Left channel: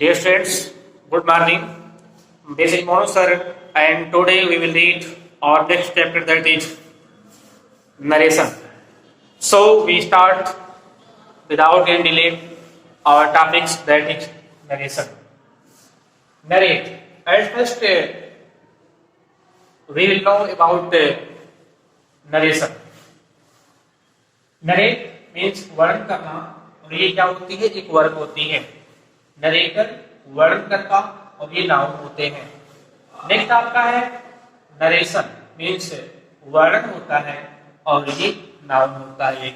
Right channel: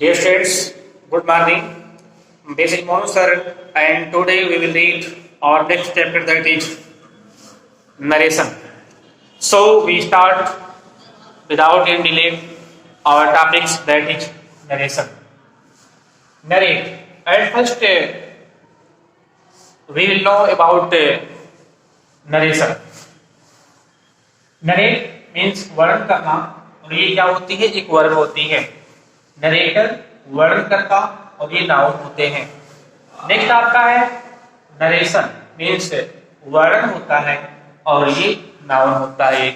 Dear students, good morning. This is Monu sir, and today we will read our next chapter, that is narration. So we start without any delay our topics, that is narration. Narrate. At first, we will know about narration. Narrate means वर्णन करना, और ये क्या होती है? एक verb होती है। नरेटर वर्णन करता, और ये नाउन होते हैं। नेक्स्ट आपका है नरेशन, मीन्स वर्णन होता है, और ये नाउन होता है।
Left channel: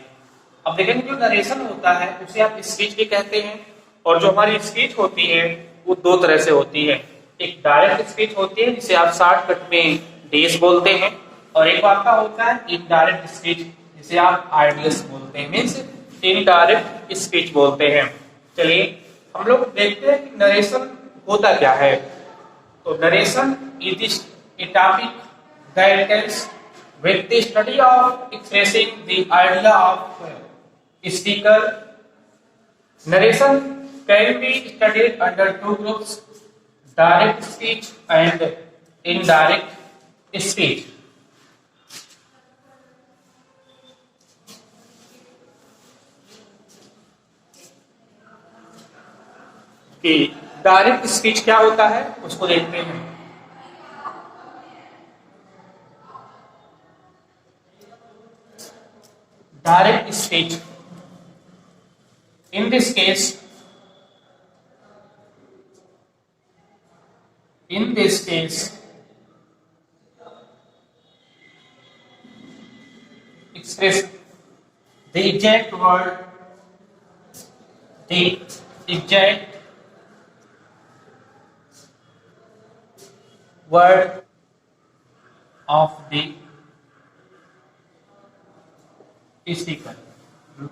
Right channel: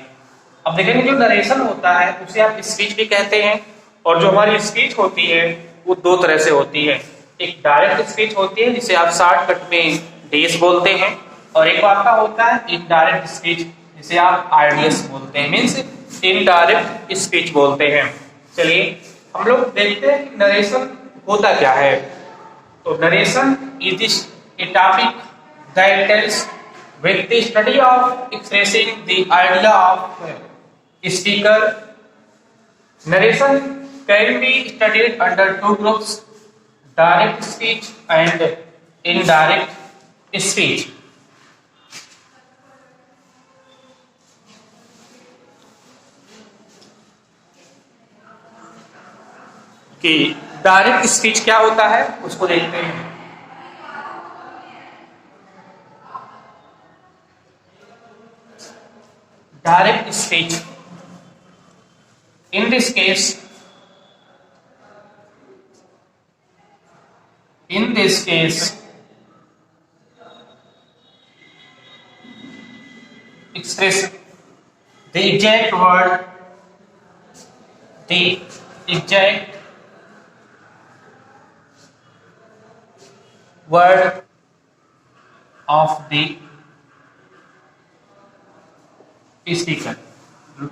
अब देखेंगे जो नरेशन होता है उसे आप स्पीच भी कहते हैं, और जो हमारी स्पीच होती है वो दो तरह से होती है। एक डायरेक्ट स्पीच होती है जिसे आप शॉर्टकट में डीएस बोलते हैं, और एक आपका होता है इनडायरेक्ट स्पीच जिसे आप आरडीएस बोलते हैं, मीन्स इनडायरेक्ट स्पीच बोलते हैं। चलिए हम लोग देखते हैं कि नरेशन होता क्या है। तो narration is a topic that tells with the study of expressing the idea of speaker. Narration can be studied under two groups: direct speech and indirect speech. कि डायरेक्ट स्पीच क्या होता है उसको देखते हैं। Direct speech, in this case express the exact word, the exact word of the speaker.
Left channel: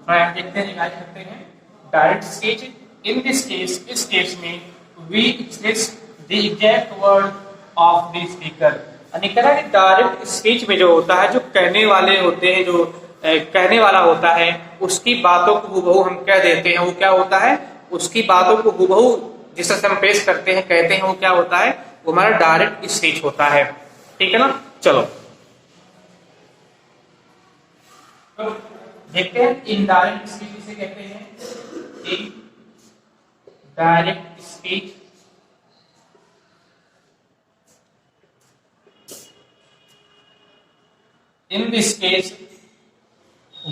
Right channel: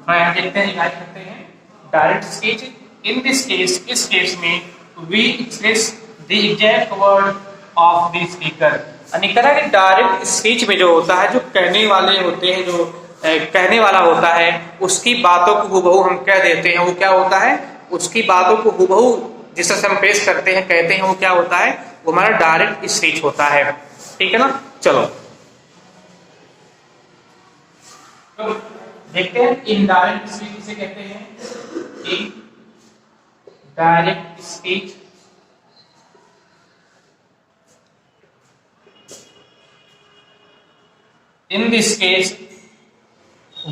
देखते हैं, याद करते हैं। Direct speech, in this case, इस केस में we express the exact word of the speaker. यानी कि डायरेक्ट स्पीच में जो होता है, जो कहने वाले होते हैं, जो कहने वाला होता है, उसकी बातों को हुबहू हम कह देते हैं। वो क्या होता है? उसकी बातों को हुबहू जिस तरह से हम पेश करते हैं, कहते हैं, वो क्या होता है? वो हमारा डायरेक्ट स्पीच होता है। ठीक है ना? चलो तो देखते हैं इनडायरेक्ट स्पीच किसे कहते हैं। Indirect speech in this case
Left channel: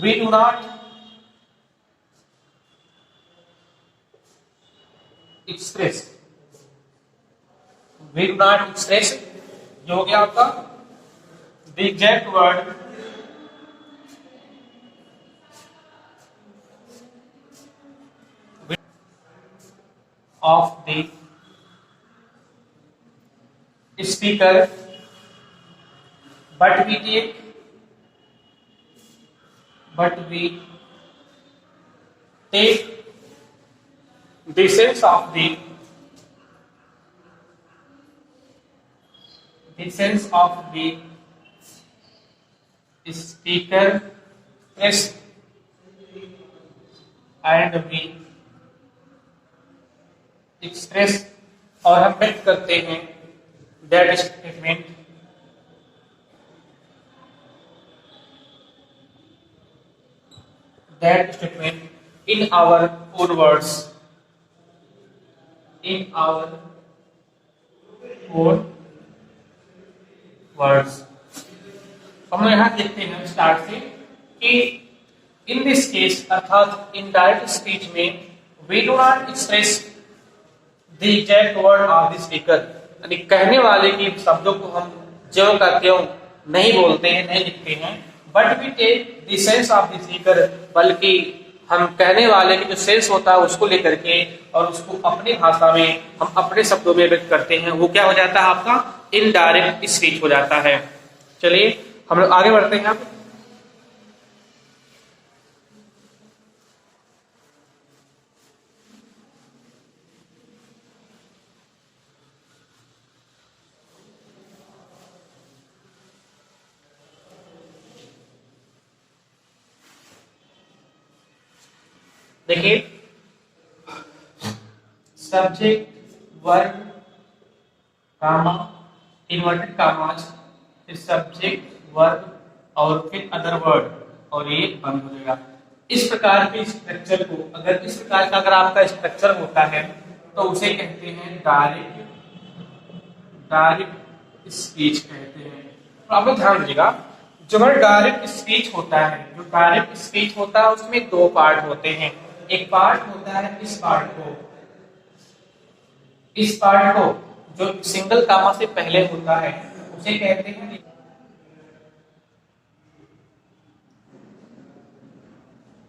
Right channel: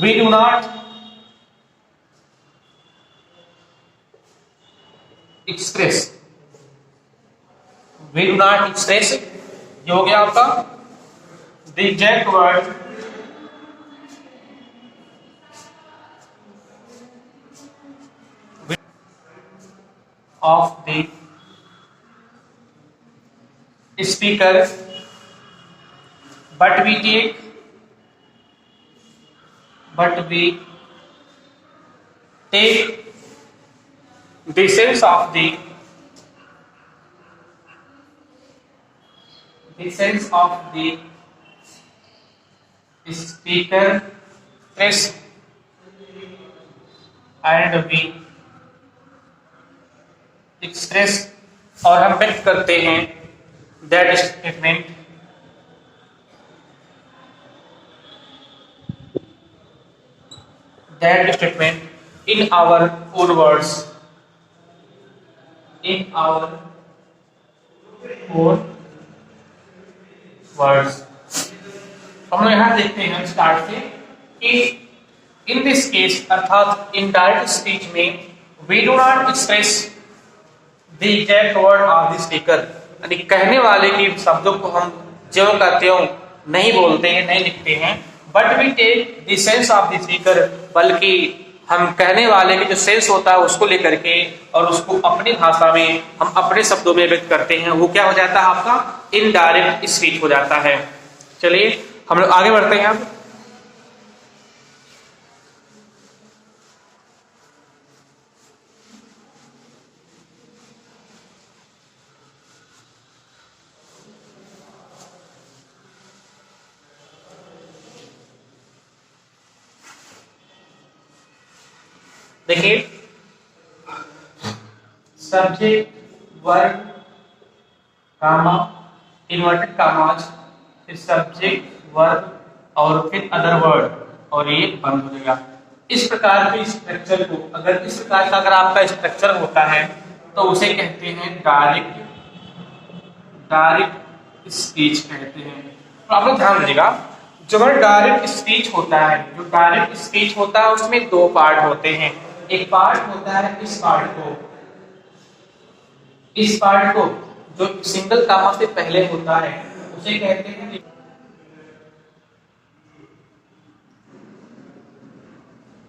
we do not express जो हो गया आपका the exact word of the speaker, but we take the sense of the speaker press, and we express, और हम व्यक्त करते हैं that statement in our own words, हम लोग यहां देखते हैं स्टार्ट से कि इन दिस केस अर्थात इन डायरेक्ट स्पीच में we do not express the exact word of the speaker. यानी कहने वाले के शब्दों को हम ज्यों का त्यों नहीं बोलते हैं, नहीं लिखते हैं, but we take the sense of the speaker, बल्कि हम कहने वाले के जो सेंस होता है उसको लेकर के और उसको अपनी भाषा में हम अपने शब्दों में व्यक्त करते हैं। वो क्या हो जाता है? आपका इनडायरेक्ट स्पीच हो जाता है। चलिए हम लोग आगे बढ़ते हैं। अब देखिए सब्जेक्ट, वर्ब, कामा, इन्वर्टेड कामाज, फिर सब्जेक्ट, वर्ब और फिर अदर वर्ड, और ये बंद हो जाएगा। इस प्रकार के स्ट्रक्चर को, अगर इस प्रकार का अगर आपका स्ट्रक्चर होता है तो उसे कहते हैं डायरेक्ट स्पीच कहते हैं। तो आप लोग ध्यान दीजिएगा, जो डायरेक्ट स्पीच होता है, जो डायरेक्ट स्पीच होता है उसमें दो पार्ट होते हैं। एक पार्ट होता है इस पार्ट को जो सिंगल कामा से पहले होता है उसे कहते हैं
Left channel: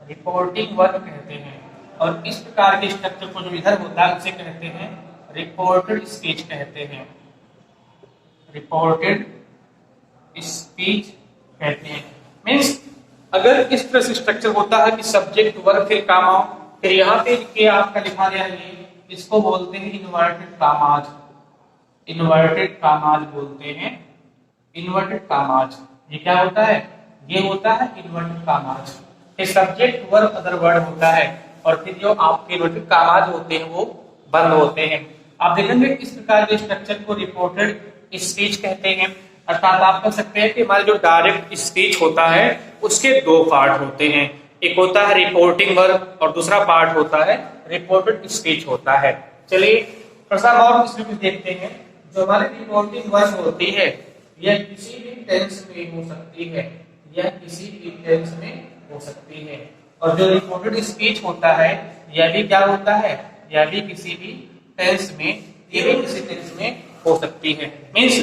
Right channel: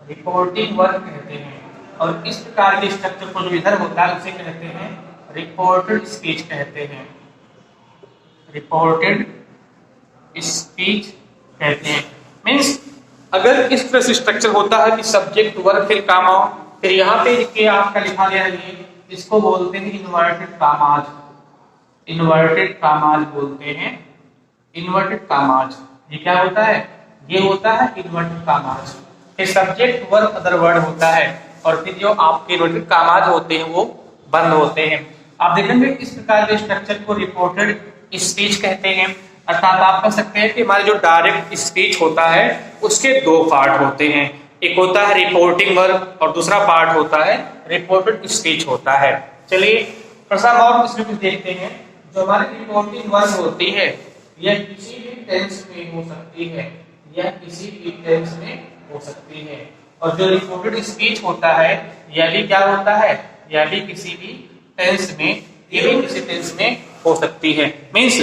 रिपोर्टिंग वर्ब कहते हैं, और इस प्रकार के स्ट्रक्चर को जो इधर होता है उसे कहते हैं रिपोर्टेड स्पीच कहते हैं। रिपोर्टेड स्पीच कहते हैं। मीन्स अगर इस तरह से स्ट्रक्चर होता है कि सब्जेक्ट, वर्ब, फिर कामा, फिर यहाँ पे के आपका लिखा गया है, इसको बोलते हैं इन्वर्टेड कामाज। इन्वर्टेड कामाज बोलते हैं, इन्वर्टेड कामाज। ये क्या होता है? ये होता है इन्वर्टेड कामाज। फिर सब्जेक्ट, वर्ब, अदर वर्ड होता है, और फिर जो आपके इन्वर्टेड कामाज होते हैं वो बंद होते हैं। आप देखेंगे इस प्रकार के स्ट्रक्चर को रिपोर्टेड स्पीच कहते हैं। अर्थात आप कह सकते हैं कि हमारे जो डायरेक्ट स्पीच होता है उसके दो पार्ट होते हैं, एक होता है रिपोर्टिंग वर्ब और दूसरा पार्ट होता है रिपोर्टेड स्पीच होता है। चलिए प्रश्न और इसमें कुछ देखते हैं। जो हमारी रिपोर्टिंग वर्ब होती है यह किसी भी टेंस में हो सकती है, यह किसी भी टेंस में हो सकती है, और जो रिपोर्टेड स्पीच होता है यह भी क्या होता है? यह भी किसी भी टेंस में, ये भी किसी टेंस में हो सकती है। मीन्स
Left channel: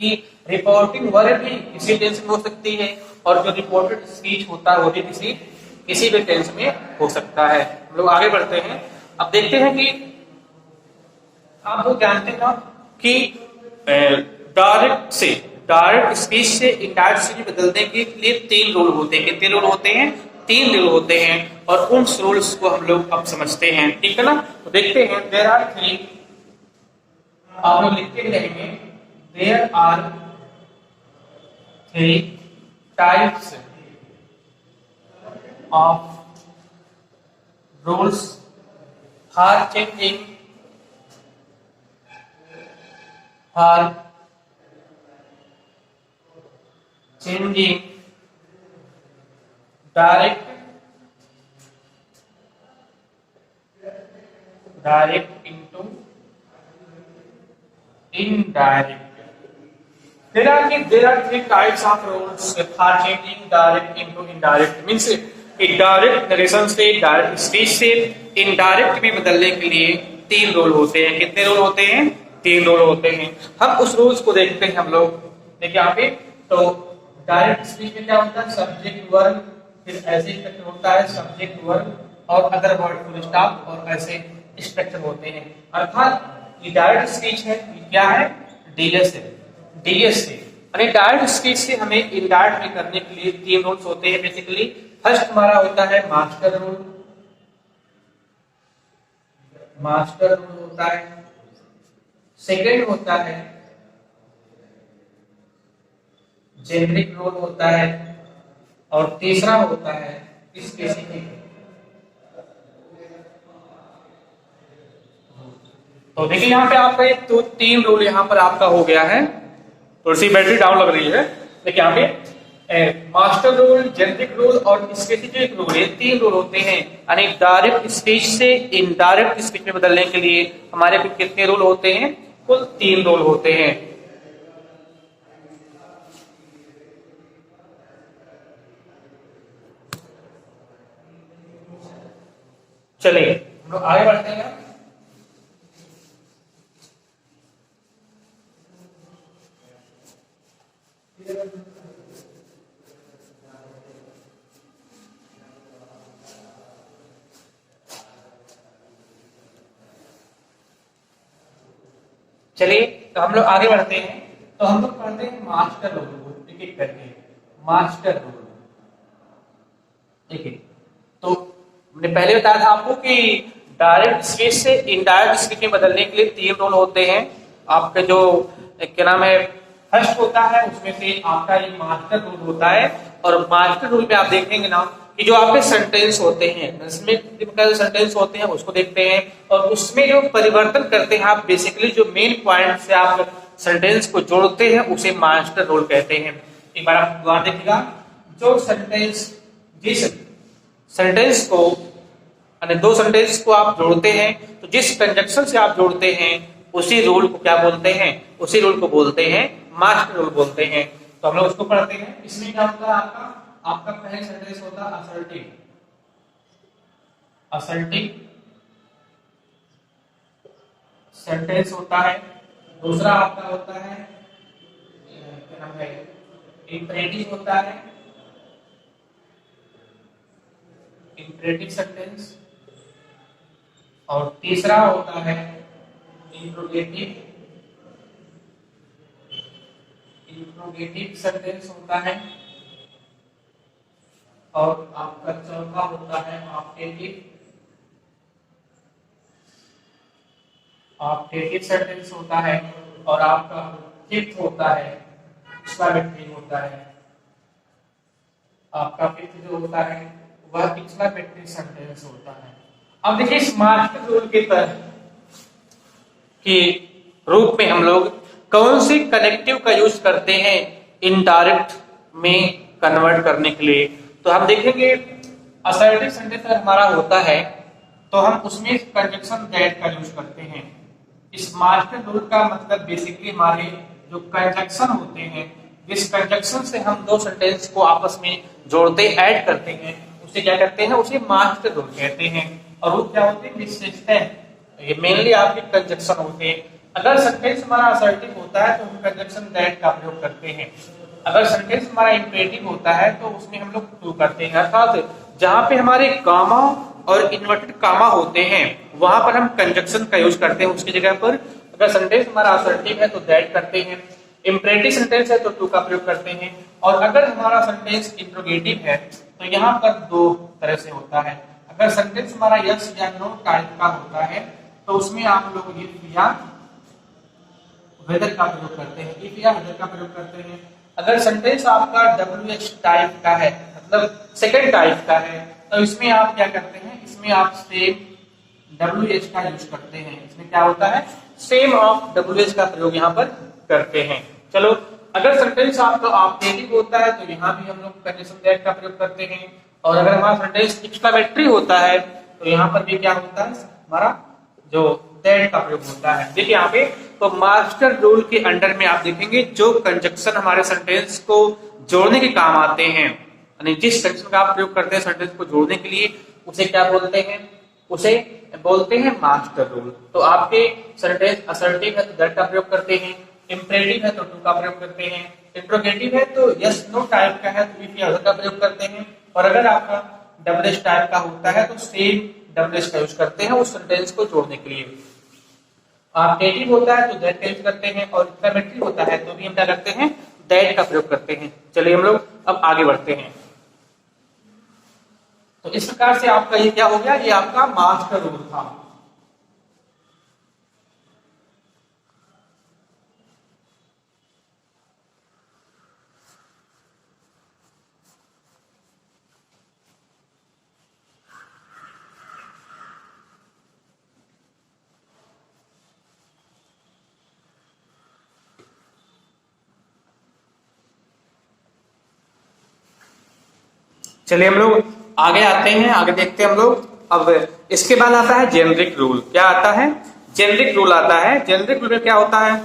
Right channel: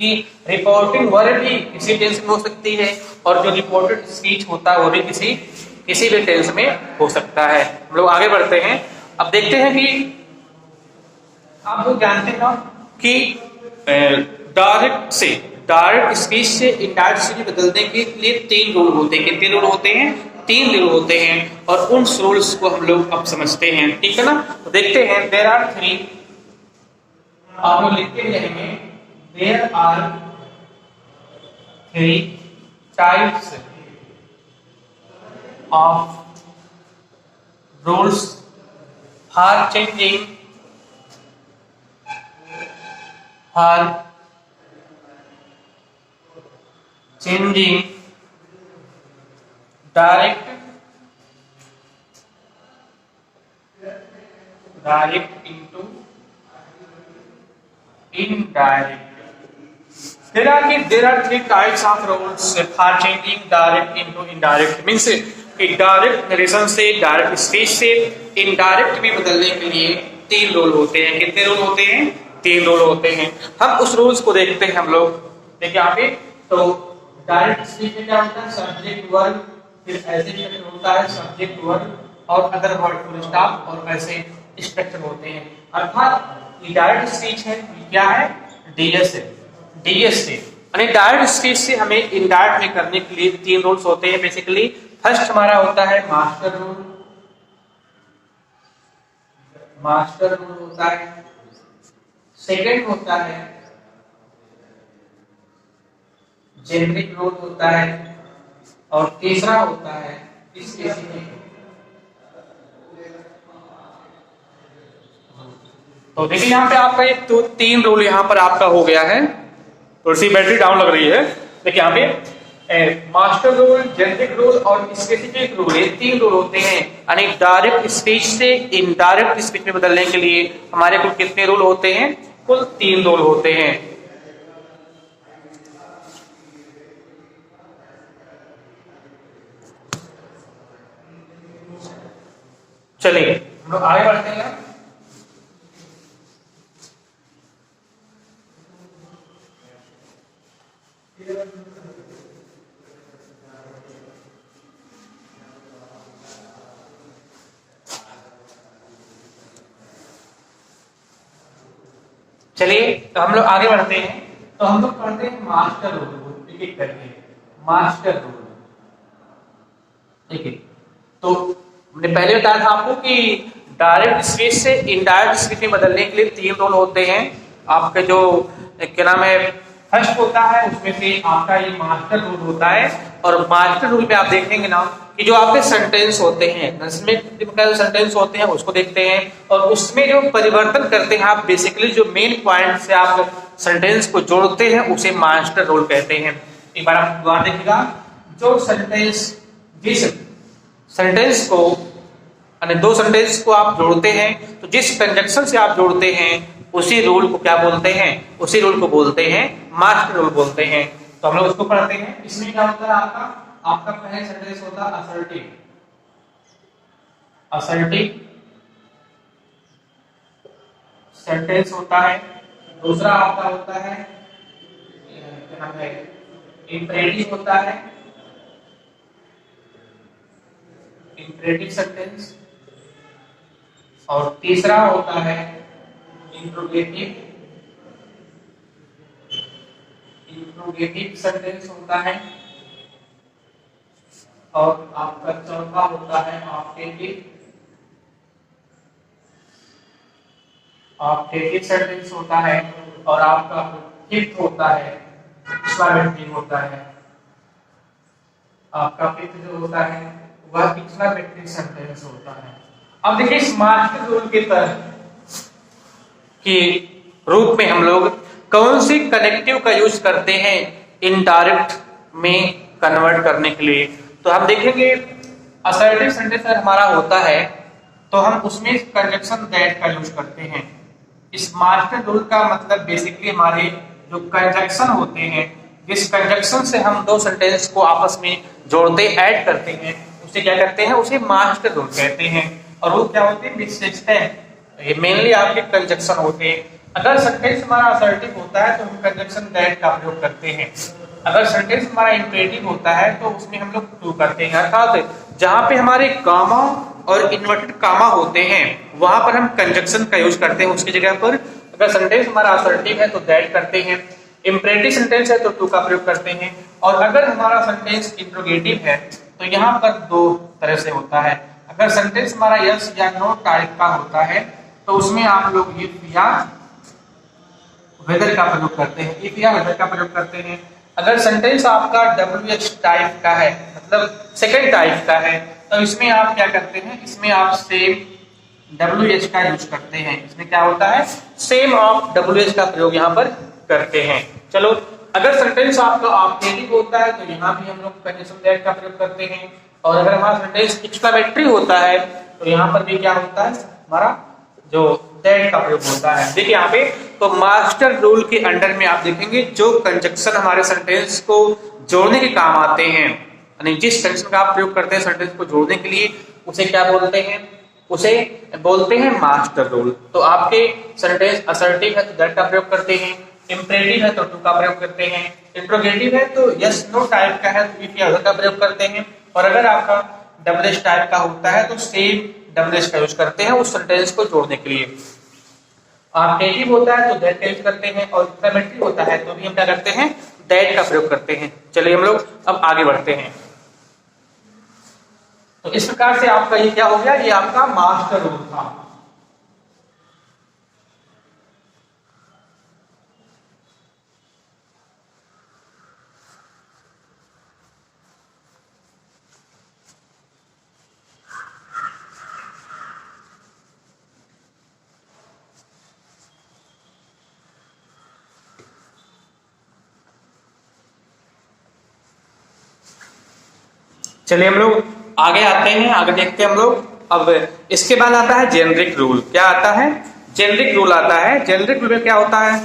कि रिपोर्टिंग वर्ब भी किसी टेंस में हो सकती है, और जो रिपोर्टेड स्पीच होता है वो भी किसी भी टेंस में हो सकता है। हम लोग आगे बढ़ते हैं। अब देखते हैं कि आप लोग जानते हैं कि डायरेक्ट स्पीच से इनडायरेक्ट स्पीच में बदलने के लिए तीन रूल होते हैं। कितने रूल होते हैं? तीन रूल होते हैं, और उन रूल्स को हम लोग अब समझते हैं। ठीक है ना? तो देखते हैं। देयर आर थ्री, आप लोग लिखते रहेंगे, there are three types of rules for changing direct into indirect. There are three types of rules for changing direct into indirect. Means direct narration से, डायरेक्ट स्पीच से इनडायरेक्ट में बदलने के लिए तीन रूल होते हैं। कितने रूल होते हैं? तीन रूल होते हैं। हम उस रूल्स को देखते हैं। हम लोग देखिए यहाँ पे, तो डायरेक्ट स्पीच में क्या होता है? सब्जेक्ट, वर्ब, फिर ऐसे स्ट्रक्चर होता है सब्जेक्ट, वर्ब और अदर वर्ड, फुल स्टॉप, और ऐसे स्ट्रक्चर होते हैं। अर्थात ये डायरेक्ट स्पीच है, क्या है? डीएस है, डीएस से। यानी डायरेक्ट स्पीच से हमें इनडायरेक्ट में करने के लिए तीन रूल्स होते हैं। बेसिकली फर्स्ट हमारा होता है मास्टर रूल, मास्टर रूल होता है। सेकंड होता है जेनरिक रूल होता है, और तीसरा होता है स्पेसिफिक। तो देखिए यहाँ पे आपका एक तो तीन रूल यहाँ पर आपका हो गया है। थोड़ी सी बैटरी डाउन लग रही है। देखिए यहाँ पे मास्टर रूल, जेनरिक रूल और स्पेसिफिक रूल, ये तीन रूल होते हैं। यानी डायरेक्ट स्पीच से इनडायरेक्ट स्पीच में बदलने के लिए हमारे कुल कितने रूल होते हैं? कुल तीन रूल होते हैं। चलिए हम लोग आगे बढ़ते हैं। चलिए तो हम लोग आगे बढ़ते हैं। तो हम लोग पढ़ते हैं मास्टर रूल, एक एक करके। मास्टर रूल, ठीक है। तो हमने पहले बताया था आपको कि डायरेक्ट स्पीच से इनडायरेक्ट स्पीच में बदलने के लिए तीन रूल होते हैं। आपके जो क्या नाम है, फर्स्ट होता है, उसमें से आपका ये मास्टर रूल होता है। और मास्टर रूल में आप देखेंगे ना कि जो आपके सेंटेंस होते हैं, जो सेंटेंस होते हैं उसको देखते हैं, और उसमें जो परिवर्तन करते हैं आप, बेसिकली जो मेन पॉइंट से आप सेंटेंस को जोड़ते हैं उसे मास्टर रूल कहते हैं। एक बार आप दोबारा देखिएगा, जो सेंटेंस, जिस सेंटेंस को, यानी दो सेंटेंस को आप जोड़ते हैं, तो जिस कंजक्शन से आप जोड़ते हैं उसी रूल को क्या बोलते हैं, उसी रूल को बोलते हैं मास्टर रूल बोलते हैं। तो हम लोग उसको पढ़ते हैं। इसमें क्या होता है, आपका पहला सेंटेंस होता है असर्टिव, असर्टिव सेंटेंस होता है। दूसरा आपका होता है क्या नाम है, इंपरेटिव होता है, इंपरेटिव सेंटेंस। और तीसरा होता है इंट्रोगेटिव, इंट्रोगेटिव सेंटेंस होता है। और आपका चौथा होता है ऑप्टेटिव, ऑप्टेटिव सेंटेंस होता है। और आपका फिफ्थ होता है एक्सक्लेमेटरी होता है। आपका फिफ्थ जो होता है वह एक्सक्लेमेटरी सेंटेंस होता है। अब देखिए इस मास्टर रूल के तहत के रूप में हम लोग कौन से कनेक्टिव का यूज करते हैं इनडायरेक्ट में कन्वर्ट करने के लिए। तो हम देखेंगे असर्टिव सेंटेंस हमारा होता है तो हम उसमें कंजक्शन दैट का यूज करते हैं। इस मास्टर रूल का मतलब बेसिकली हमारे जो कंजक्शन होते हैं, जिस कंजक्शन से हम दो सेंटेंस को आपस में जोड़ते ऐड करते हैं उसे क्या कहते हैं, उसे मास्टर रूल कहते हैं। और वो क्या होते हैं, विशेषता, ये मेनली आपके कंजक्शन होते हैं। अगर सेंटेंस हमारा असर्टिव होता है तो हम कंजक्शन दैट का प्रयोग करते हैं। अगर सेंटेंस हमारा इंपरेटिव होता है तो उसमें हम लोग टू करते हैं। अर्थात जहां पे हमारे गामा और इन्वर्टेड कामा होते हैं वहां पर हम कंजक्शन का यूज करते हैं उसकी जगह पर। अगर सेंटेंस हमारा असर्टिव है तो दैट करते हैं, इंपरेटिव सेंटेंस है तो टू का प्रयोग करते हैं। और अगर हमारा सेंटेंस इंट्रोगेटिव है तो यहाँ पर दो तरह से होता है। अगर सेंटेंस हमारा यस या नो टाइप का होता है तो उसमें आप लोग इफ या वेदर का प्रयोग करते हैं, इफ या वेदर का प्रयोग करते हैं। अगर सेंटेंस आपका WH टाइप का है, मतलब सेकंड टाइप का है, तो इसमें आप क्या करते हैं, इसमें आप सेम WH का यूज करते हैं। इसमें क्या होता है, सेम ऑफ WH का प्रयोग यहाँ पर करते हैं। चलो, अगर सेंटेंस आपका ऑप्टेटिव होता है तो यहाँ भी हम लोग कंडीशन दैट का प्रयोग करते हैं। और अगर हमारा सेंटेंस एक्सक्लेमेटरी होता है तो यहाँ पर भी क्या होता है, हमारा जो दैट का प्रयोग होता है। देखिए यहाँ पे तो मास्टर रूल के अंडर में आप देखेंगे जो कंजक्शन हमारे सेंटेंस को जोड़ने के काम आते हैं, यानी जिस सेंटेंस का आप प्रयोग करते हैं सेंटेंस को जोड़ने के लिए, उसे क्या बोलते हैं, उसे बोलते हैं मास्टर रूल। तो आपके सेंटेंस असर्टिव है तो दैट का प्रयोग करते हैं, इंपरेटिव है तो टू का प्रयोग करते हैं, इंट्रोगेटिव है तो यस नो टाइप का है तो इफ या अदर का प्रयोग करते हैं। और अगर आपका WH टाइप का होता है तो सेम WH का यूज करते हैं उस सेंटेंस को जोड़ने के लिए। ऑप्टेटिव होता है तो दैट का यूज करते हैं, और एक्सक्लेमेटरी होता है तो भी हम क्या करते हैं, दैट का प्रयोग करते हैं। चलिए हम लोग अब आगे बढ़ते हैं। तो इस प्रकार से आपका ये क्या हो गया, ये आपका मास्टर रूल था। चलिए हम लोग आगे आते हैं, आगे देखते हैं हम लोग। अब इसके बाद आता है जेनरिक रूल। क्या आता है, जेनरिक रूल आता है। जेनरिक रूल में क्या होता है,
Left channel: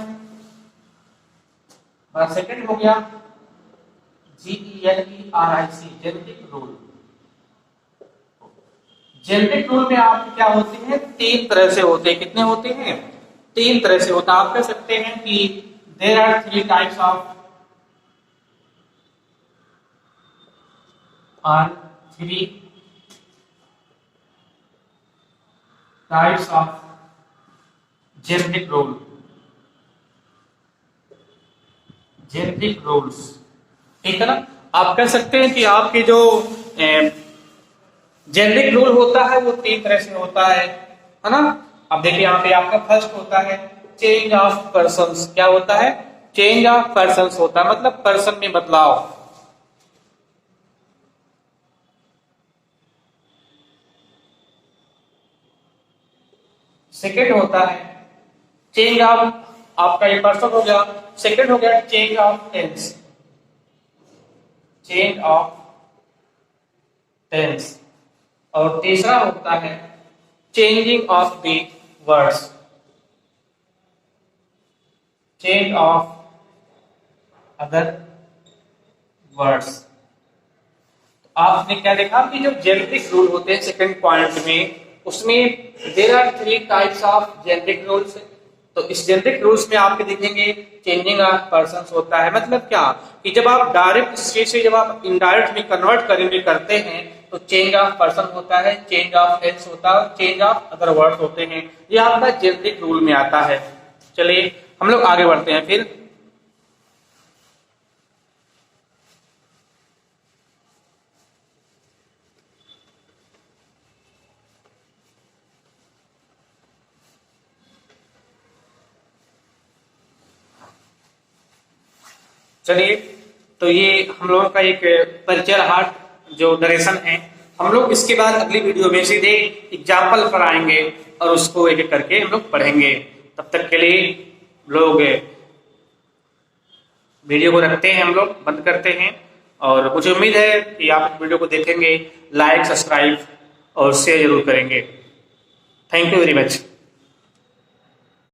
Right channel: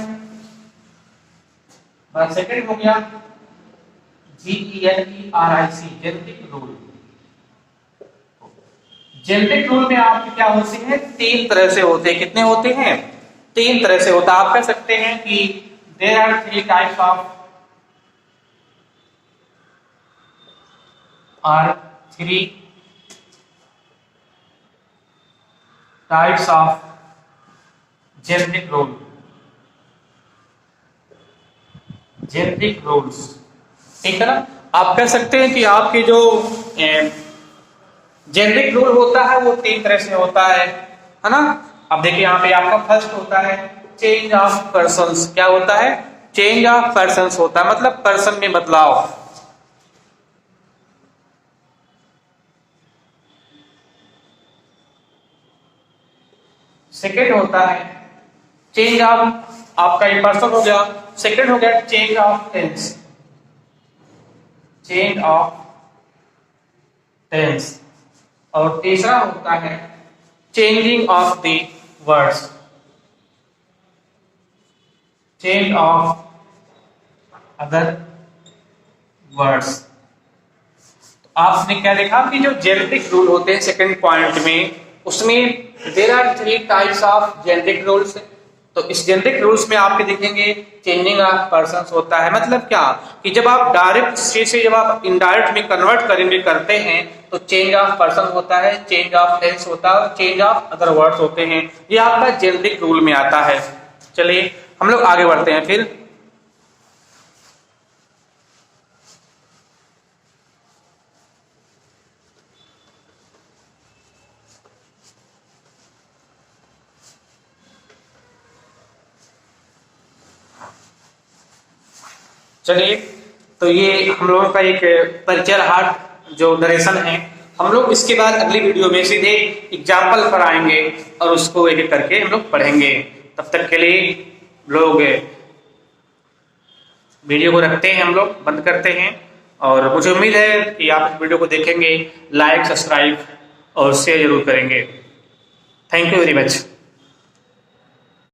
सेकंड हो गया GENERIC, generic rule. Generic rule में आपके क्या होते हैं, तीन तरह से होते हैं। कितने होते हैं, तीन तरह से होता है। आप कह सकते हैं कि there are three types of are three types of generic rule, generic rules, ठीक है ना। आप कह सकते हैं कि आपके जो जेनरिक रूल होता है वो तीन तरह से होता है ना। अब देखिए यहाँ पे आपका फर्स्ट होता है चेंज ऑफ पर्सन्स। क्या होता है, चेंज ऑफ पर्सन्स होता है, मतलब पर्सन में बदलाव। सेकेंड होता है चेंज ऑफ, आपका ये पर्सन हो गया, सेकेंड हो गया change of tense, change of tense. और तीसरा होता है changing of the words, change of other words. आपने क्या देखा कि जो जेनेरिक रूल होते हैं सेकंड पॉइंट में, उसमें there are 3 types of generic rules. तो इस जेनेरिक रूल्स में आपके देखेंगे चेंजिंग ऑफ पर्सन्स होता है। मतलब क्या कि जब आप डायरेक्ट स्टेज से जब आप इनडायरेक्ट में कन्वर्ट करेंगे करते हैं तो चेंज ऑफ पर्सन होता है, चेंज ऑफ टेंस होता है और चेंज ऑफ अदर वर्ड्स होते हैं। ये आपका जेनेरिक रूल में आता है। चलिए हम लोग आगे बढ़ते हैं फिर। चलिए तो ये हम लोगों का एक परिचय हार्ट जो नरेशन है, हम लोग इसके बाद अगली वीडियो में सीधे एग्जाम्पल पर आएंगे और उसको एक एक करके हम लोग पढ़ेंगे। तब तक के लिए लोग वीडियो को रखते हैं, हम लोग बंद करते हैं। और मुझे उम्मीद है कि आप इस वीडियो को देखेंगे, लाइक सब्सक्राइब और शेयर जरूर करेंगे। Thank you very much.